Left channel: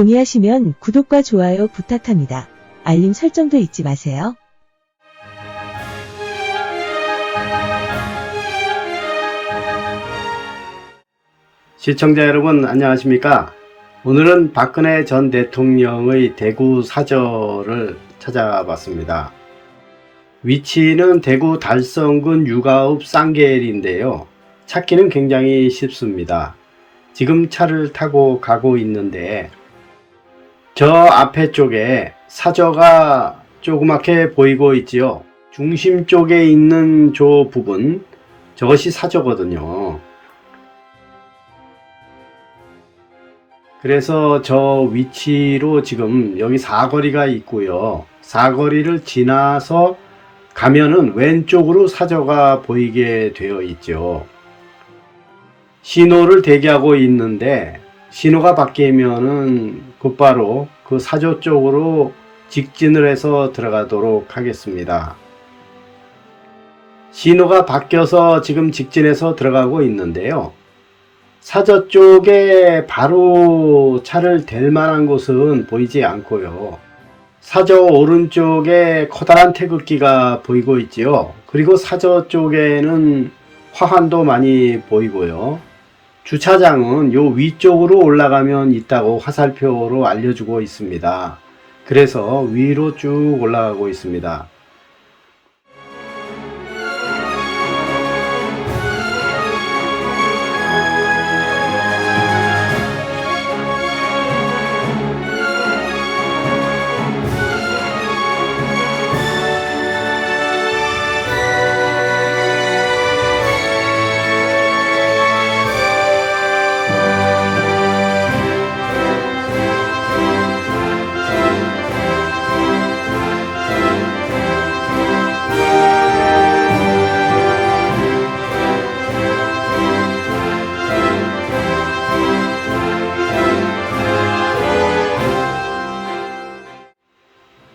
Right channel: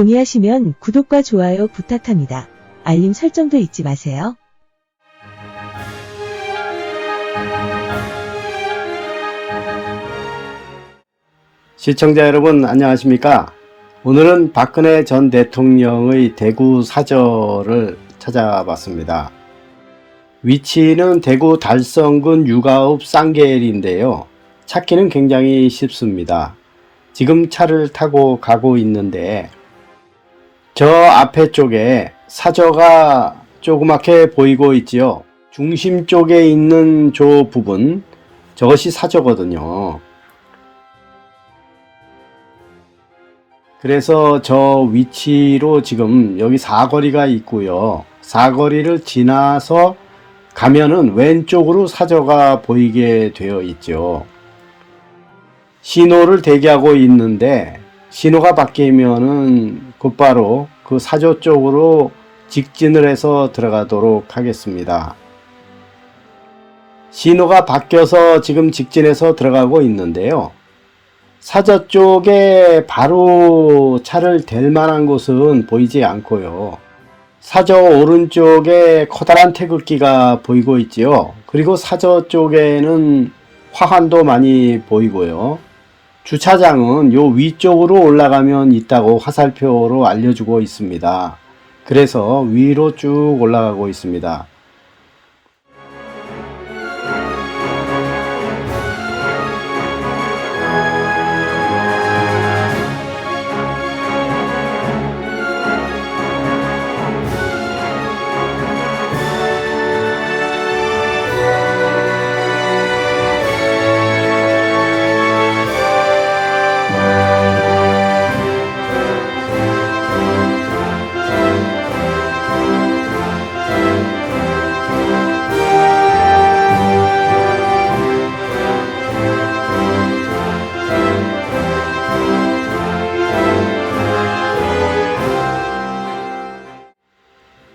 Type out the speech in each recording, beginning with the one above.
동의하시면 구독과 좋아요 부탁합니다. 알림 설정도 잊지 마세요. 시청자 여러분 안녕하십니까? 오늘은 박근혜 전 대통령의 대구 사저를 찾아봤습니다. 위치는 대구 달성군 유가읍 쌍계일인데요. 찾기는 굉장히 쉽습니다. 지금 차를 타고 가고 있는데 저 앞에 쪽에 사저가 조그맣게 보이고 있지요. 중심 쪽에 있는 저 부분, 저것이 사저거든요. 그래서 저 위치로 지금 여기 사거리가 있고요. 사거리를 지나서 가면은 왼쪽으로 사저가 보이게 되어 있죠. 신호를 대기하고 있는데 신호가 바뀌면은 곧바로 그 사저 쪽으로 직진을 해서 들어가도록 하겠습니다. 신호가 바뀌어서 지금 직진해서 들어가고 있는데요. 사저 쪽에 바로 차를 댈 만한 곳은 보이지 않고요. 사저 오른쪽에 커다란 태극기가 보이고 있지요. 그리고 사저 쪽에는 화환도 많이 보이고요. 주차장은 요 위쪽으로 올라가면 있다고 화살표로 알려주고 있습니다. 그래서 위로 쭉 올라가고 있습니다.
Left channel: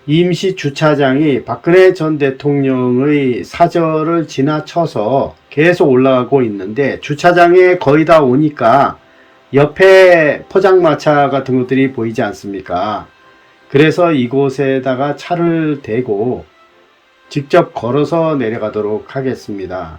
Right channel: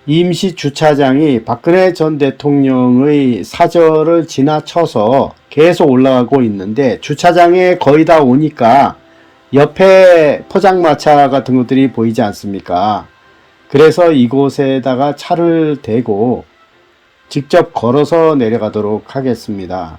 임시 주차장이 박근혜 전 대통령의 사저를 지나쳐서 계속 올라가고 있는데 주차장에 거의 다 오니까 옆에 포장마차 같은 것들이 보이지 않습니까? 그래서 이곳에다가 차를 대고 직접 걸어서 내려가도록 하겠습니다.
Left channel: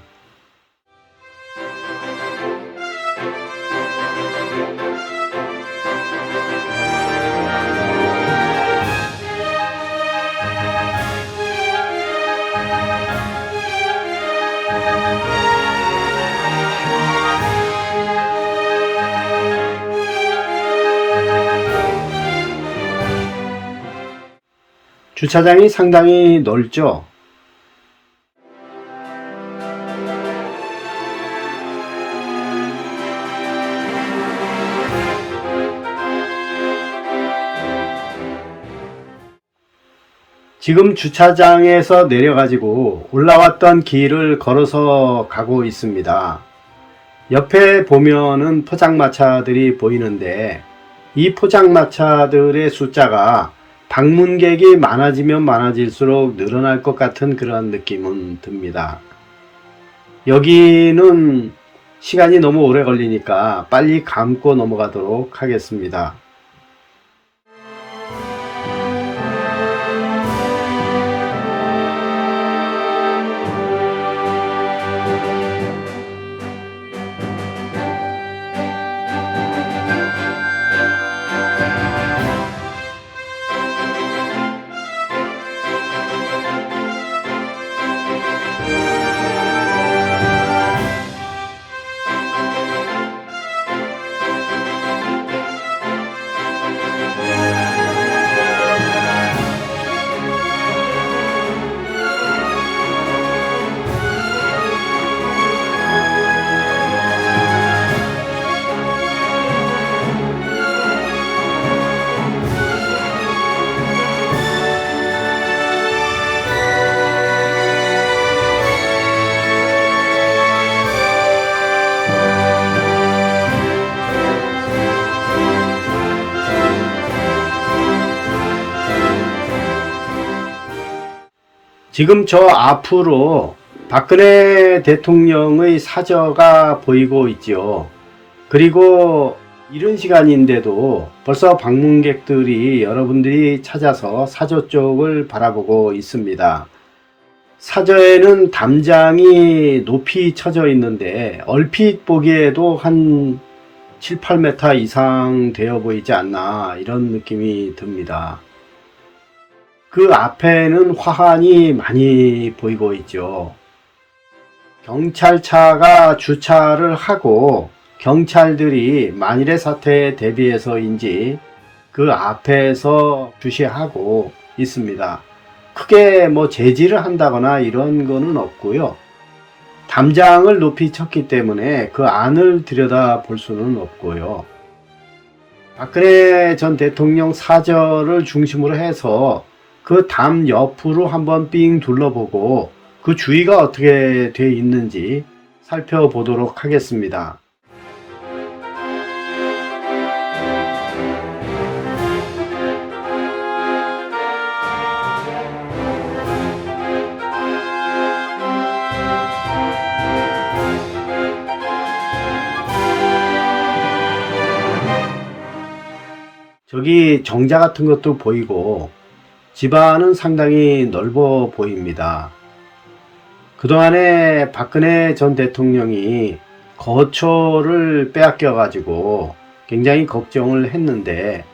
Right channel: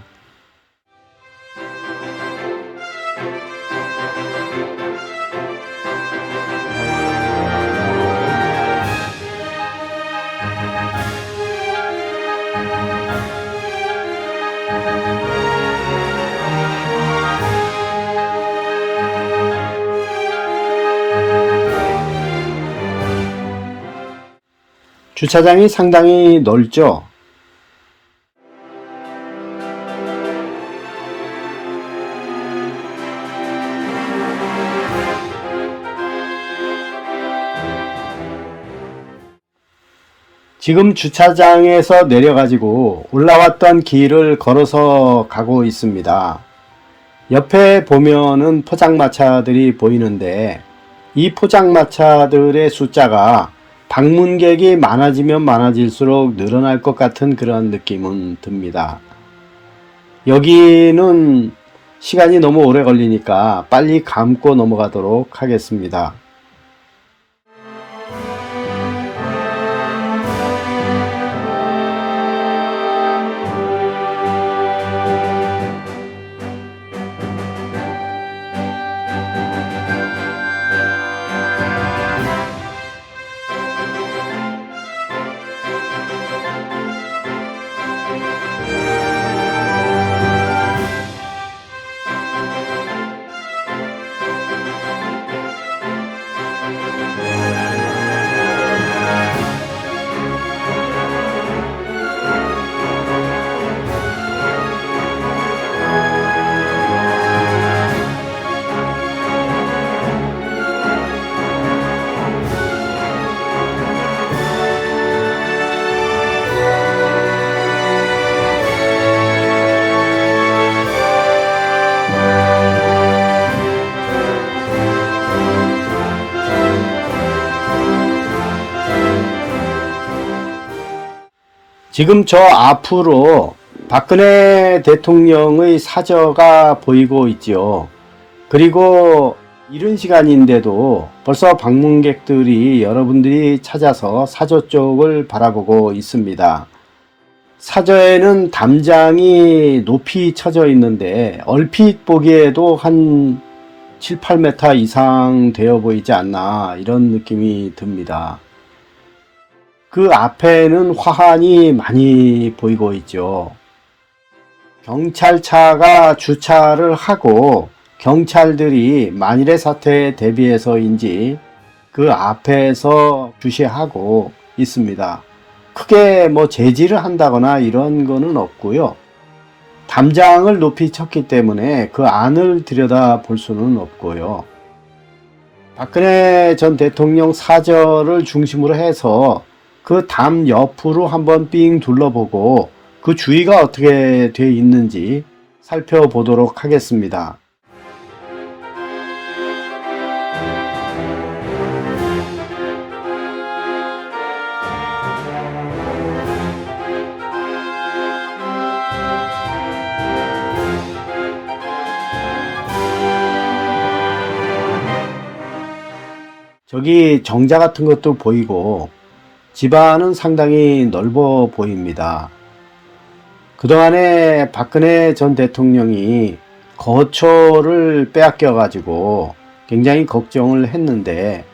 주차장이 상당히 넓죠. 지금 주차장에서 내려가지고 올라왔던 길을 걸어서 가고 있습니다. 옆에 보면은 포장마차들이 보이는데 이 포장마차들의 숫자가 방문객이 많아지면 많아질수록 늘어날 것 같은 그런 느낌은 듭니다. 여기는 시간이 너무 오래 걸리니까 빨리 감고 넘어가도록 하겠습니다. 지금 저 앞으로 박근혜 대통령의 사저가 보이고 있죠. 그리고 이른 시간인데도 벌써 방문객들이 여러분들이 찾아서 사저 쪽을 바라보고 있습니다. 사저에는 담장이 높이 쳐져 있는데 얼핏 보기에도 한 7, 8m 이상 되어 보이지 않나 이런 느낌이 듭니다. 그 앞에는 화환이 많이 보이고 있죠. 경찰차가 주차를 하고 경찰들이 만일의 사태에 대비해서인지 그 앞에서 주시하고 있습니다. 크게 제지를 한다거나 이런 거는 없고요. 담장을 높이 쳤기 때문에 그 안을 들여다 볼 수는 없고요. 박근혜 전 대통령 사저를 중심으로 해서 그 담 옆으로 한번 삥 둘러보고 그 주위가 어떻게 되어 있는지 살펴보도록 하겠습니다. 저기 정자 같은 것도 보이고 집안은 상당히 넓어 보입니다. 그동안에 박근혜 전 대통령이 거처를 빼앗겨 가지고 굉장히 걱정을 했는데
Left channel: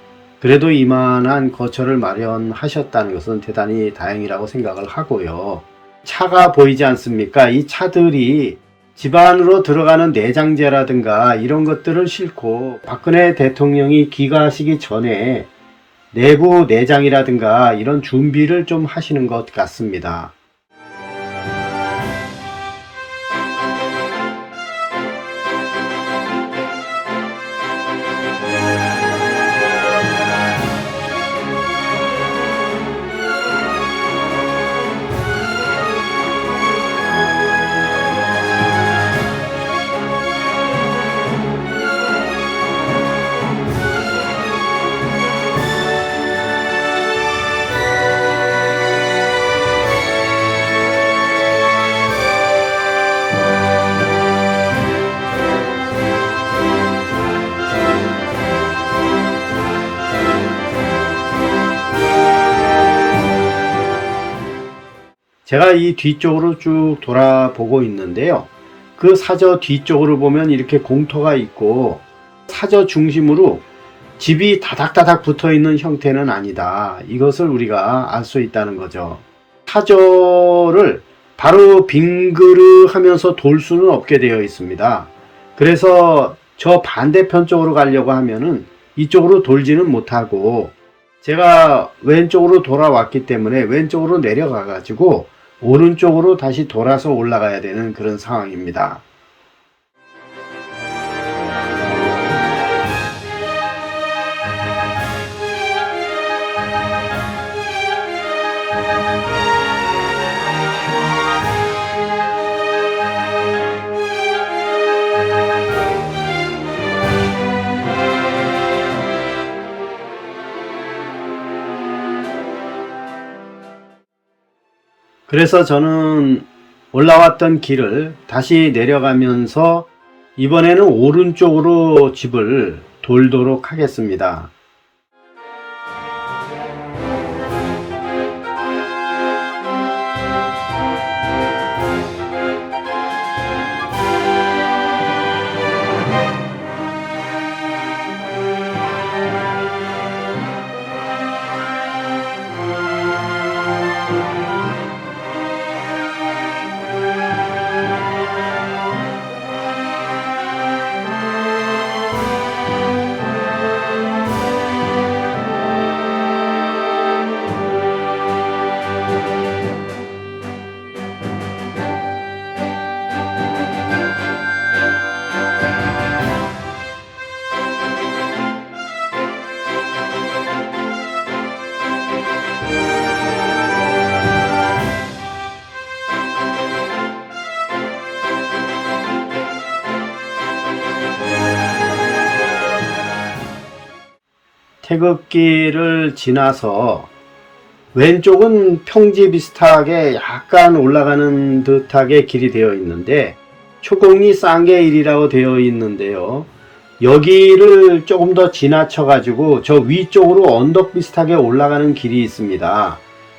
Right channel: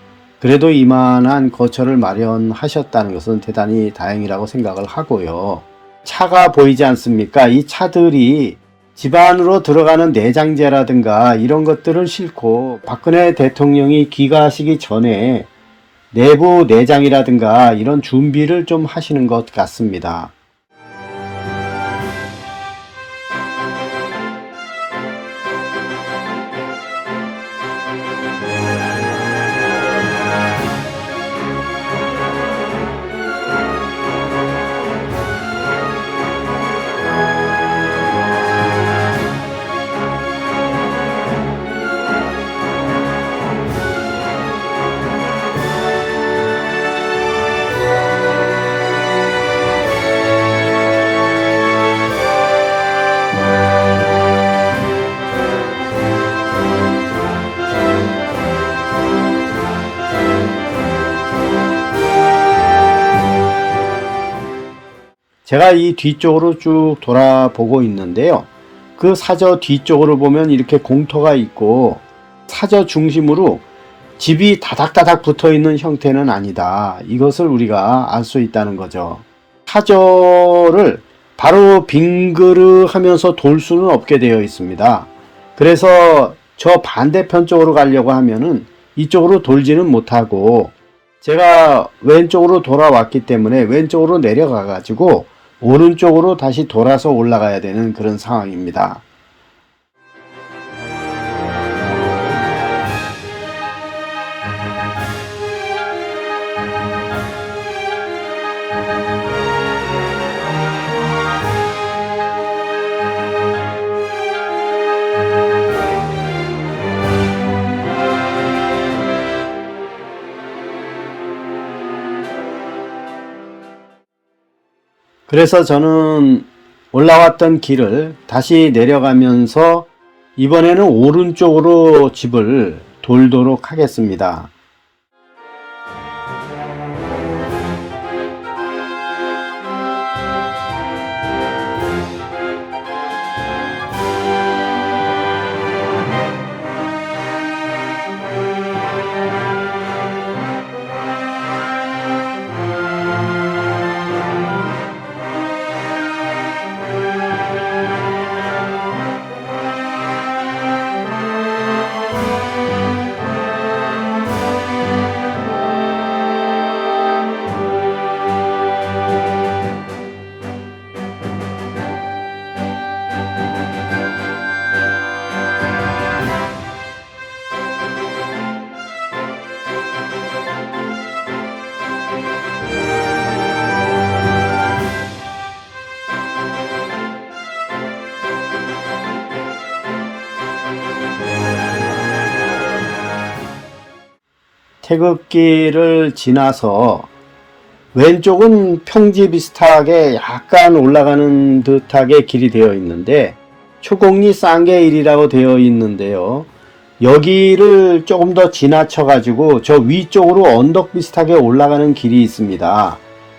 그래도 이만한 거처를 마련하셨다는 것은 대단히 다행이라고 생각을 하고요. 차가 보이지 않습니까? 이 차들이 집 안으로 들어가는 내장재라든가 이런 것들을 싣고 박근혜 대통령이 귀가하시기 전에 내부 내장이라든가 이런 준비를 좀 하시는 것 같습니다. 제가 이 뒤쪽으로 쭉 돌아보고 있는데요. 그 사저 뒤쪽으로 보면 이렇게 공터가 있고 사저 중심으로 집이 다닥다닥 붙어 있는 형태는 아니다. 이것을 우리가 알 수 있다는 거죠. 사저를 바로 빙그르 하면서 돌 수는 없게 되어 있습니다. 그래서 저 반대편 쪽으로 가려고 하면은 이쪽으로 돌지는 못하고 제가 왼쪽으로 돌아왔기 때문에 왼쪽으로 내려가 가지고 오른쪽으로 다시 돌아서 올라가야 되는 그런 상황입니다. 그래서 저는 올라왔던 길을 다시 내려가면서 이번에는 오른쪽으로 집을 돌도록 하겠습니다. 태극기를 지나서 왼쪽은 평지 비슷하게 약간 올라가는 듯하게 길이 되어 있는데 초곡리 쌍계일이라고 되어 있는데요. 여기를 조금 더 지나쳐 가지고 저 위쪽으로 언덕 비슷하게 올라가는 길이 있습니다.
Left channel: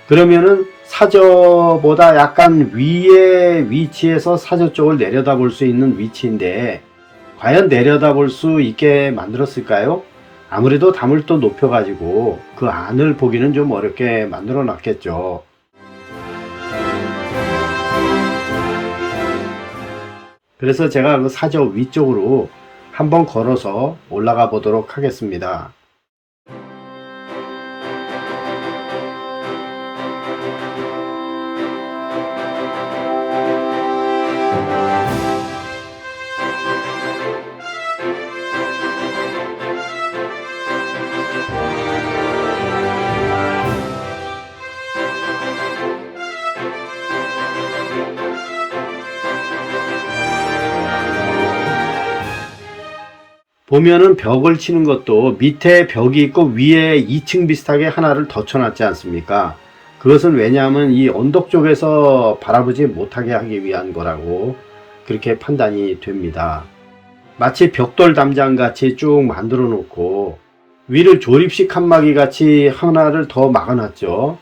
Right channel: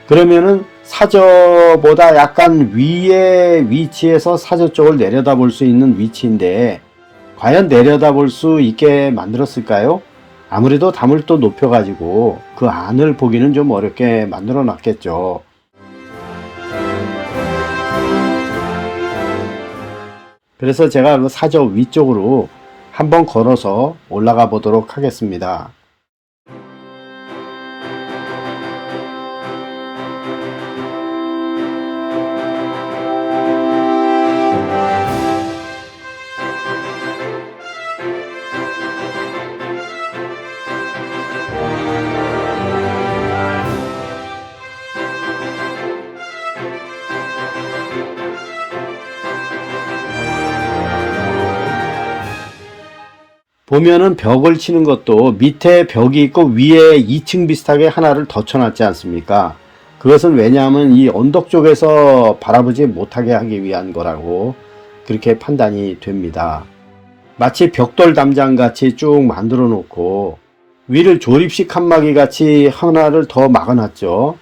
그러면은 사저보다 약간 위에 위치에서 사저 쪽을 내려다볼 수 있는 위치인데 과연 내려다볼 수 있게 만들었을까요? 아무래도 담을 또 높여 가지고 그 안을 보기는 좀 어렵게 만들어 놨겠죠. 그래서 제가 그 사저 위쪽으로 한번 걸어서 올라가 보도록 하겠습니다. 보면은 벽을 치는 것도 밑에 벽이 있고 위에 2층 비슷하게 하나를 더 쳐놨지 않습니까? 그것은 왜냐하면 이 언덕 쪽에서 바라보지 못하게 하기 위한 거라고 그렇게 판단이 됩니다. 마치 벽돌 담장 같이 쭉 만들어 놓고 위를 조립식 칸막이 같이 하나를 더 막아놨죠.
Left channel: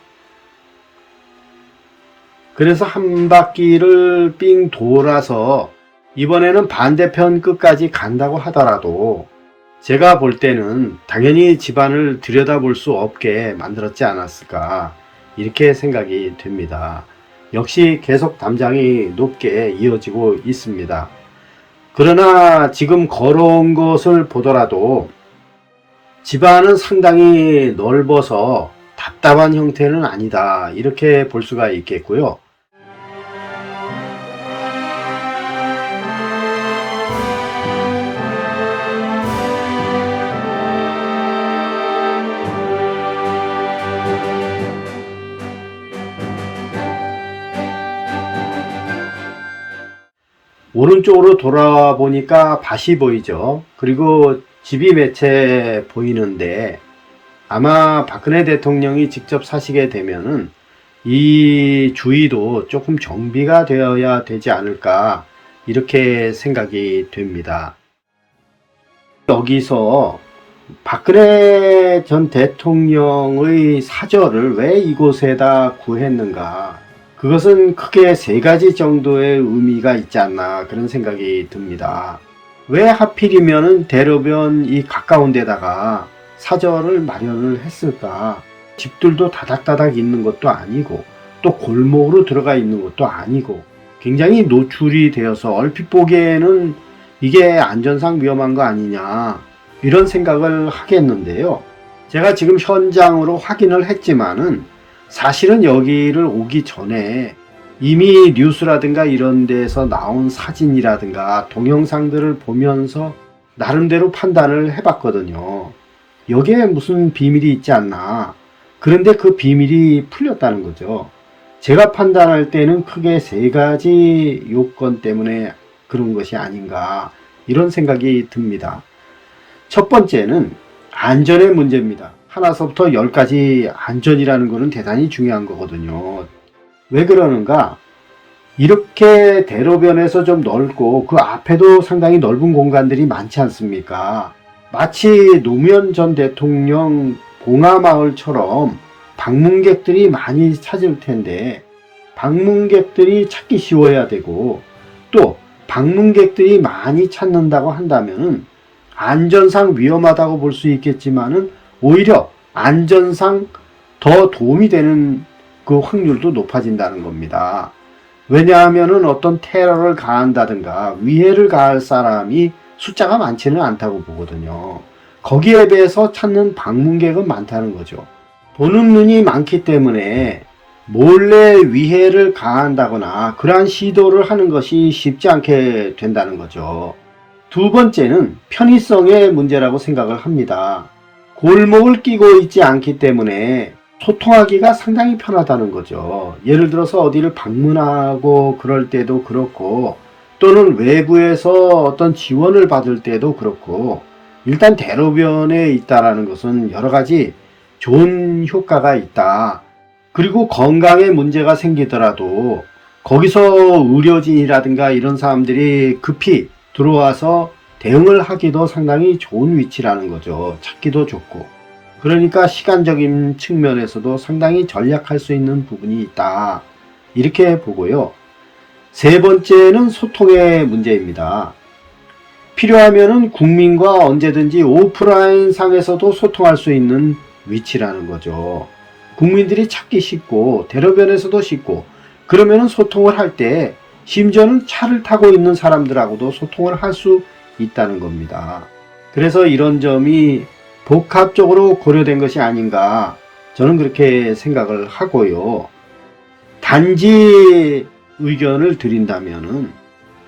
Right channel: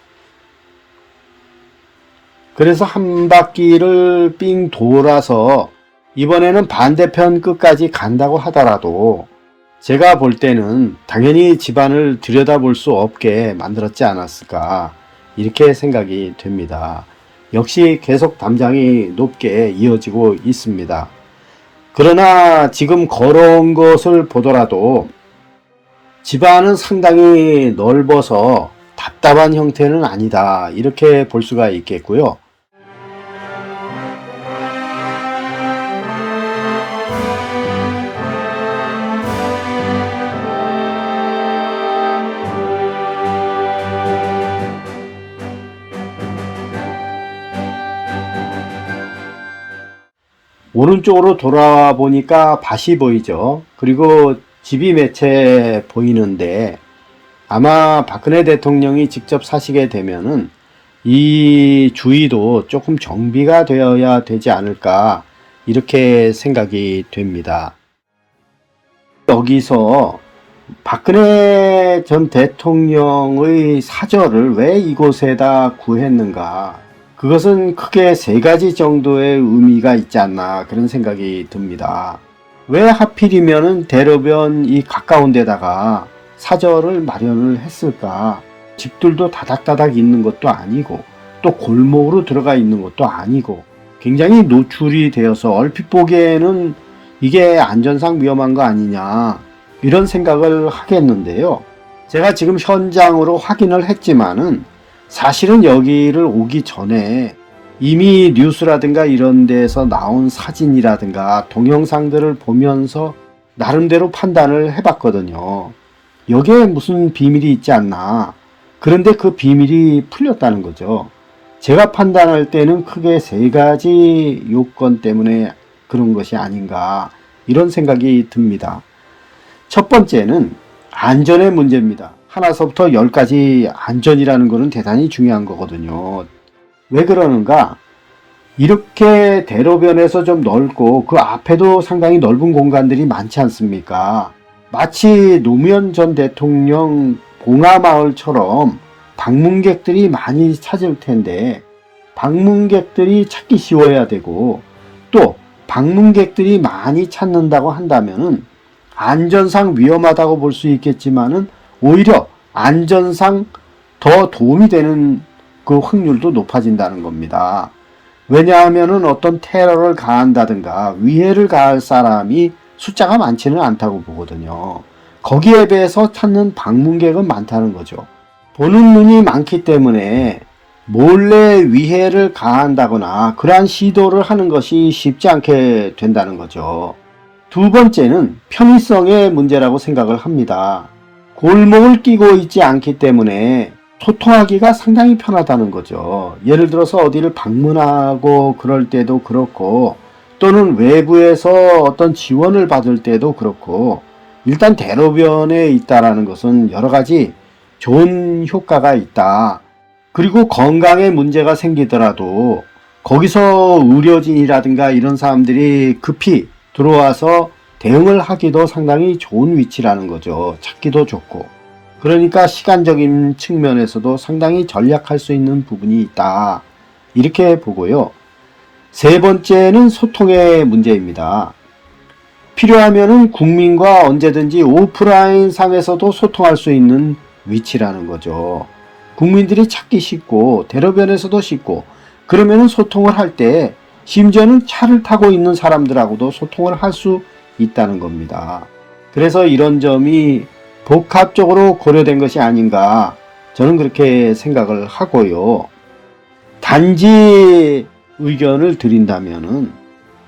그래서 한 바퀴를 삥 돌아서 이번에는 반대편 끝까지 간다고 하더라도 제가 볼 때는 당연히 집안을 들여다볼 수 없게 만들었지 않았을까 이렇게 생각이 됩니다. 역시 계속 담장이 높게 이어지고 있습니다. 그러나 지금 걸어온 것을 보더라도 집안은 상당히 넓어서 답답한 형태는 아니다 이렇게 볼 수가 있겠고요. 오른쪽으로 돌아보니까 밭이 보이죠. 그리고 집이 몇 채 보이는데 아마 박근혜 대통령이 직접 사시게 되면은 이 주위도 조금 정비가 되어야 되지 않을까 이렇게 생각이 됩니다. 여기서 박근혜 전 대통령의 사저를 왜 이곳에다 구했는가? 그것은 크게 세 가지 정도의 의미가 있지 않나 그런 생각이 듭니다. 왜 하필이면은 대로변 이 가까운 데다가 사저를 마련을 했을까? 집들도 다닥다닥 있는 것도 아니고 또 골목으로 들어가 있는 것도 아니고 굉장히 노출이 되어서 얼핏 보기에는 이게 안전상 위험한 거 아니냐 이런 생각을 하겠는데요. 제가 지금 현장으로 확인을 했지만은 사실은 여기를 오기 전에 이미 뉴스라든가 이런 데서 나온 사진이라든가 동영상들을 보면서 나름대로 판단을 해봤거든요. 여기에 무슨 비밀이 있지 않나. 그런데 그 비밀이 풀렸다는 거죠. 제가 판단할 때는 크게 세 가지 요건 때문에 그런 것이 아닌가 이런 생각이 듭니다. 첫 번째는 안전의 문제입니다. 하나서부터 10까지 안전이라는 것은 대단히 중요한 거거든요. 왜 그러는가? 이렇게 대로변에서 좀 넓고 그 앞에도 상당히 넓은 공간들이 많지 않습니까? 마치 노무현 전 대통령 봉하마을처럼 방문객들이 많이 찾을 텐데 방문객들이 찾기 쉬워야 되고 또 방문객들이 많이 찾는다고 한다면은 안전상 위험하다고 볼 수 있겠지만은 오히려 안전상 더 도움이 되는 그 확률도 높아진다는 겁니다. 왜냐하면은 어떤 테러를 가한다든가 위해를 가할 사람이 숫자가 많지는 않다고 보거든요. 거기에 비해서 찾는 방문객은 많다는 거죠. 보는 눈이 많기 때문에 몰래 위해를 가한다거나 그러한 시도를 하는 것이 쉽지 않게 된다는 거죠. 두 번째는 편의성의 문제라고 생각을 합니다. 골목을 끼고 있지 않기 때문에 소통하기가 상당히 편하다는 거죠. 예를 들어서 어디를 방문하고 그럴 때도 그렇고 또는 외부에서 어떤 지원을 받을 때도 그렇고 일단 대로변에 있다라는 것은 여러 가지 좋은 효과가 있다. 그리고 건강에 문제가 생기더라도 거기서 의료진이라든가 이런 사람들이 급히 들어와서 대응을 하기도 상당히 좋은 위치라는 거죠. 찾기도 좋고. 그러니까 시간적인 측면에서도 상당히 전략할 수 있는 부분이 있다. 이렇게 보고요. 세 번째는 소통의 문제입니다. 필요하면은 국민과 언제든지 오프라인 상에서도 소통할 수 있는 위치라는 거죠. 국민들이 찾기 쉽고 대로변에서도 쉽고 그러면은 소통을 할 때 심지어는 차를 타고 있는 사람들하고도 소통을 할 수 있다는 겁니다. 그래서 이런 점이 복합적으로 고려된 것이 아닌가 저는 그렇게 생각을 하고요. 단지 의견을 드린다면은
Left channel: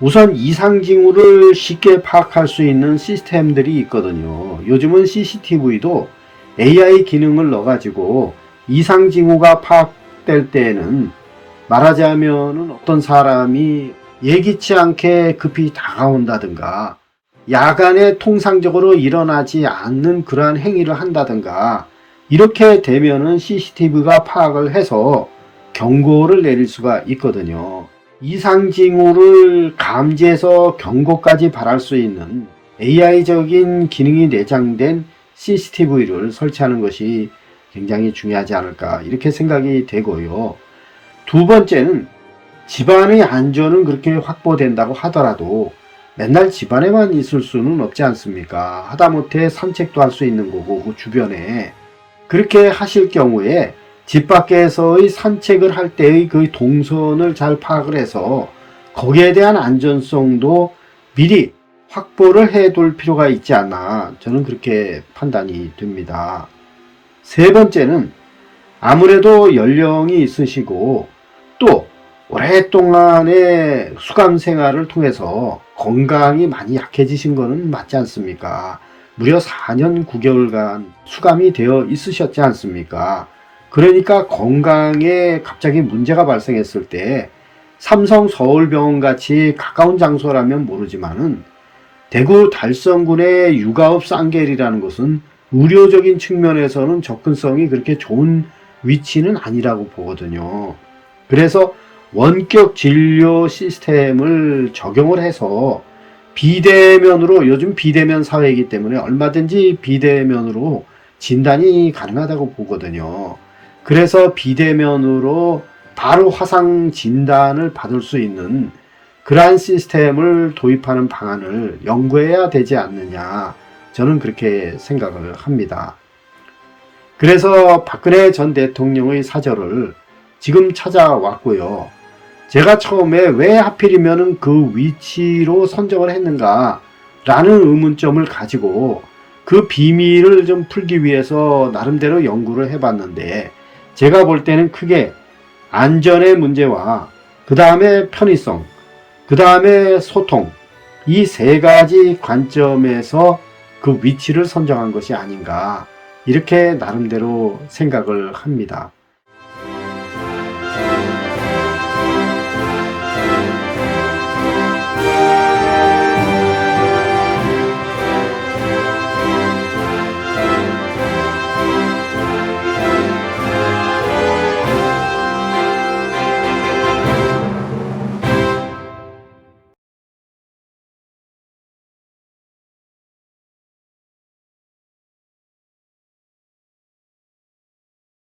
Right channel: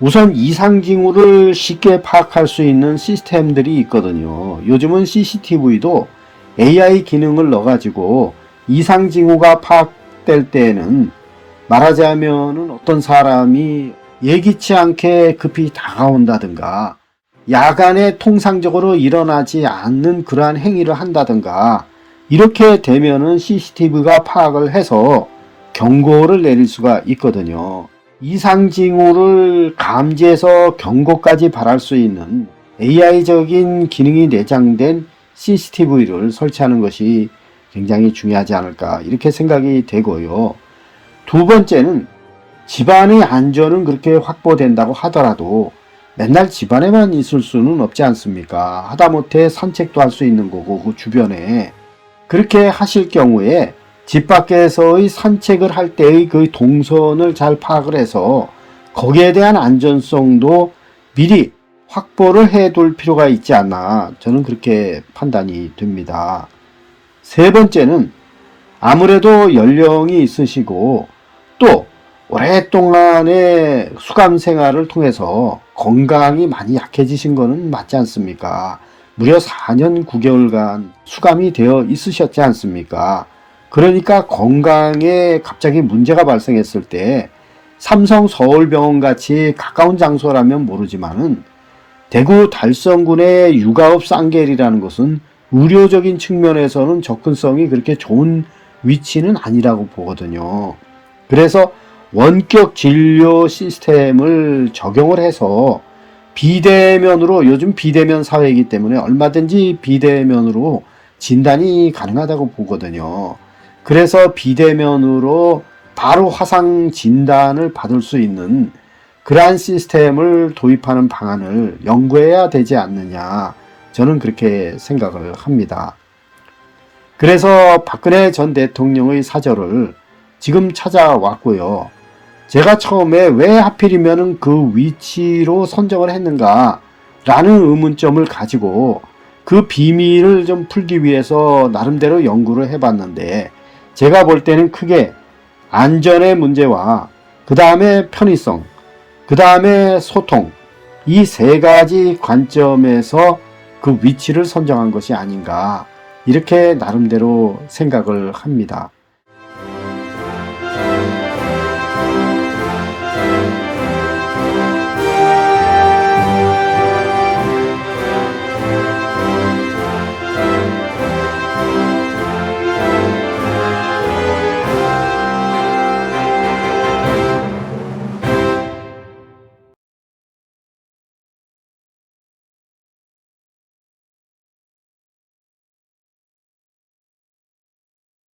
우선 이상 징후를 쉽게 파악할 수 있는 시스템들이 있거든요. 요즘은 CCTV도 AI 기능을 넣어가지고 이상 징후가 파악될 때에는 말하자면은 어떤 사람이 예기치 않게 급히 다가온다든가 야간에 통상적으로 일어나지 않는 그러한 행위를 한다든가 이렇게 되면은 CCTV가 파악을 해서 경고를 내릴 수가 있거든요. 이상 징후를 감지해서 경고까지 발할 수 있는 AI적인 기능이 내장된 CCTV를 설치하는 것이 굉장히 중요하지 않을까 이렇게 생각이 되고요. 두 번째는 집안의 안전은 그렇게 확보된다고 하더라도 맨날 집안에만 있을 수는 없지 않습니까? 하다못해 산책도 할 수 있는 거고 그 주변에 그렇게 하실 경우에 집 밖에서의 산책을 할 때의 그 동선을 잘 파악을 해서 거기에 대한 안전성도 미리 확보를 해둘 필요가 있지 않나 저는 그렇게 판단이 됩니다. 세 번째는 아무래도 연령이 있으시고 또 오랫동안의 수감 생활을 통해서 건강이 많이 약해지신 거는 맞지 않습니까? 무려 4년 9개월간 수감이 되어 있으셨지 않습니까? 그러니까 건강에 갑자기 문제가 발생했을 때 삼성 서울병원 같이 가까운 장소라면 모르지만은 대구 달성군의 육아읍 쌍계리라는 것은 의료적인 측면에서는 접근성이 그렇게 좋은 위치는 아니라고 보거든요. 그래서 원격 진료 시스템을 적용을 해서 비대면으로 요즘 비대면 사회이기 때문에 얼마든지 비대면으로 진단이 가능하다고 보거든요. 그래서 비대면으로 바로 화상 진단을 받을 수 있는 그러한 시스템을 도입하는 방안을 연구해야 되지 않느냐 저는 그렇게 생각을 합니다. 그래서 박근혜 전 대통령의 사저를 지금 찾아왔고요. 제가 처음에 왜 하필이면 그 위치로 선정을 했는가 라는 의문점을 가지고 그 비밀을 좀 풀기 위해서 나름대로 연구를 해봤는데 제가 볼 때는 크게 안전의 문제와 그 다음에 편의성, 그 다음에 소통 이 세 가지 관점에서 그 위치를 선정한 것이 아닌가 이렇게 나름대로 생각을 합니다.